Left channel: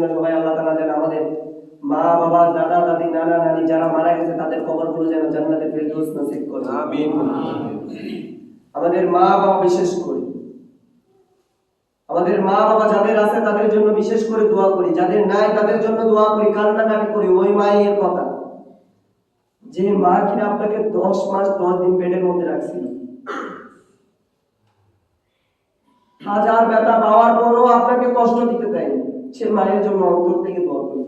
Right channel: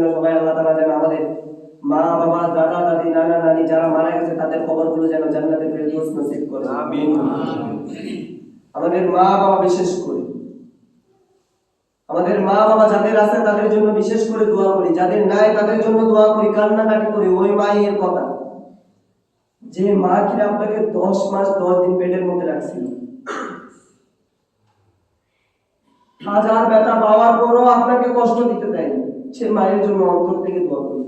জন্য সবাই আল্লাহ তাআলা যেন আমাদের মা বাবা দাদা দাদি নানা নানি যারা মারা গেছে তাদের কবরগুলো যেন জান্নাতের ফেরদৌস নসিব করে। আমিন। আমাদের মা বাবা বিশেষ করে, আমাদের মা বাবা যাদের আছে তাদের জন্য বিশেষ করে দোয়া করি, যাদের নাই তাদের জন্য দোয়া করি, কান্নাকাটি করি। ওই মায়ের কথা, যে মা কিনা আপনাকে 10 মাস 10 দিন পেটের মধ্যে রাখছিল, হাজার ব্যথা পাওয়ার পরও আপনাকে কষ্ট দিতে দেয়নি, সে মায়ের জন্য অন্তর থেকে দোয়া করি।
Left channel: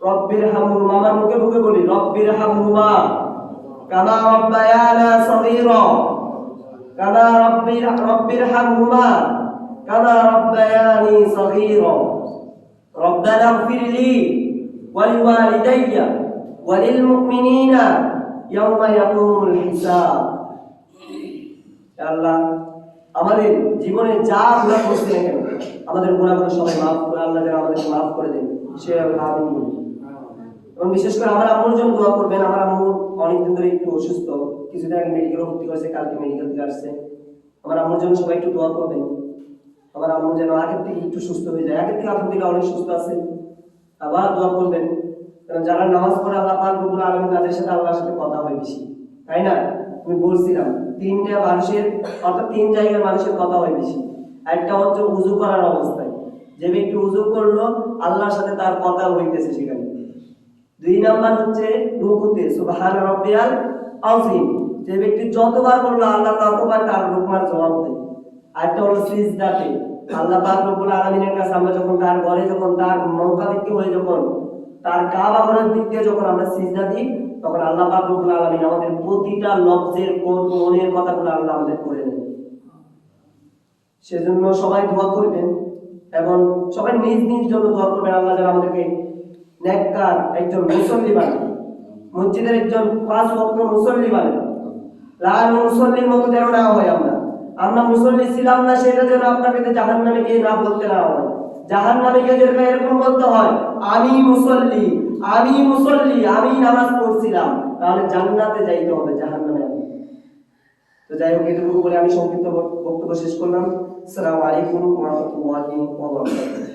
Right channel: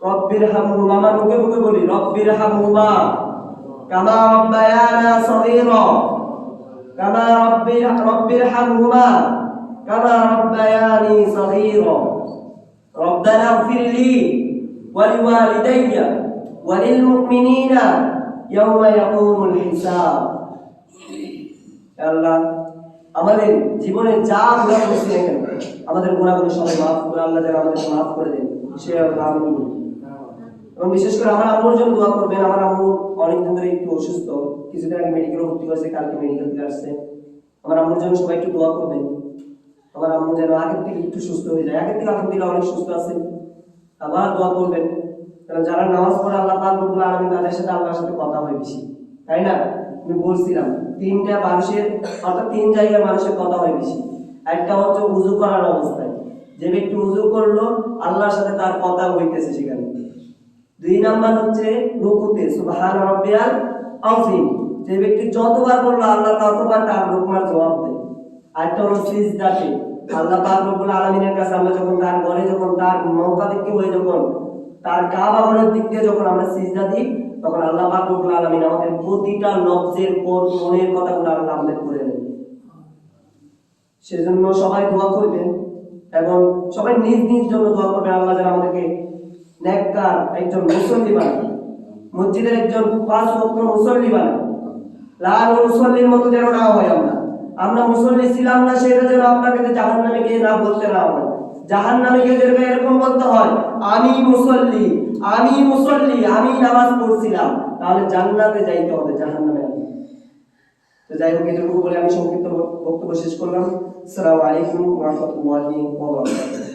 রব্বির হামহুমা, আমার মুখে মুখে বলি, রব্বির হামহুমা কামা রাব্বায়ানা সগীরা, কামা রব্বির হামহুমা কামা রাব্বায়ানি সগীরা, রব্বানা ইগফির লি ওয়া লিওয়ালিদাইয়া ওয়া লিল মুমিনিনা ইয়াওমা ইয়াকুমুল হিসাব। আল্লাহ, আমাদের জীবনে যা গুনাহ করছি না কেন, আমাদের গুনাহগুলো সবাই মাফ করে আল্লাহ যেন আমাদের মাফ করে দেন, সে আমিন বলি। এবং বিশেষ করে আমার আম্মুর জন্য দোয়া করবেন। আমার আম্মু অনেকদিন ধরে একটু অসুস্থ, কিছুদিন আগে মেডিকেলে ভর্তি করেছে, কালকে মেডিকেল থেকে আসছে। আমার আম্মুর জন্য সবাই একটু দোয়া করবেন, আমার আম্মু যেন আগের থেকে একটু সুস্থ হয়ে যায়। আগের থেকে আলহামদুলিল্লাহ অনেক সুস্থ আছে। আবার দোয়া করবেন, কারণ যারা নামাজ পড়ে আল্লাহ পাক রব্বুল আলামিন তাদের সাথে আল্লাহর সাথে কথা হয় বেশি, তাই না? আমি বলছিলাম তিনটা মানুষের, অর্থাৎ 3 জায়গার মানুষের কথা হয় বেশি। একটা হচ্ছে উযু করার অবস্থায়, যে ব্যক্তি উযু করলো আল্লাহর সাথে তার কথা হইতেছে সেখানে। 2 নাম্বার হচ্ছে রুকুতে, সুবহান রাব্বিয়াল আযীম, যে ব্যক্তি যতবার বললো আল্লাহ ততবার তার রুকমার জবাব দেয়। আরেকটা হলো সিজদাতে, আল্লাহ পাক রব্বুল আলামিনের কাছে আমরা যখন তার ঘরে, যখন তার মুখাপেক্ষি হয়ে, যখন তার কাবা ঘরের দিক দিয়ে যখন আমরা সিজদা দিই, তখন আল্লাহ পাক রব্বুল আলামিন আমাদের প্রতিটা লফজের মনের কথাগুলো আল্লাহ আমাদের করে নেন। সেজন্য সবাই দোয়া করবেন এবং সবাই নিজ নিজ জন্য দোয়া করবেন, আল্লাহ যেন আমাদেরকে নেককার একজন মুসল্লি বানান, মসজিদের একজন 5 ওয়াক্ত মুসল্লি বানান। লাল মুসল্লির মতো যেন না হয় আমরা মুসল্লি ছিলাম না সেটা যেন আপনাকে জাহান্নামে গিয়ে না বলতে না হয়। জাহান্নামে গিয়ে যেন এরকম বলতে হয়, আমি মুসল্লি, আমি মুসল্লি, আমি নামাজ পড়ছিলাম, তাহলে জান্নাতে যাইতে হবে, জাহান্নামে না। তো যাই হোক, এটুকু বলে আমি সংক্ষিপ্ত বক্তব্য শেষ করলাম। আসসালামু আলাইকুম ওয়া রাহমাতুল্লাহি ওয়া বারাকাতুহু।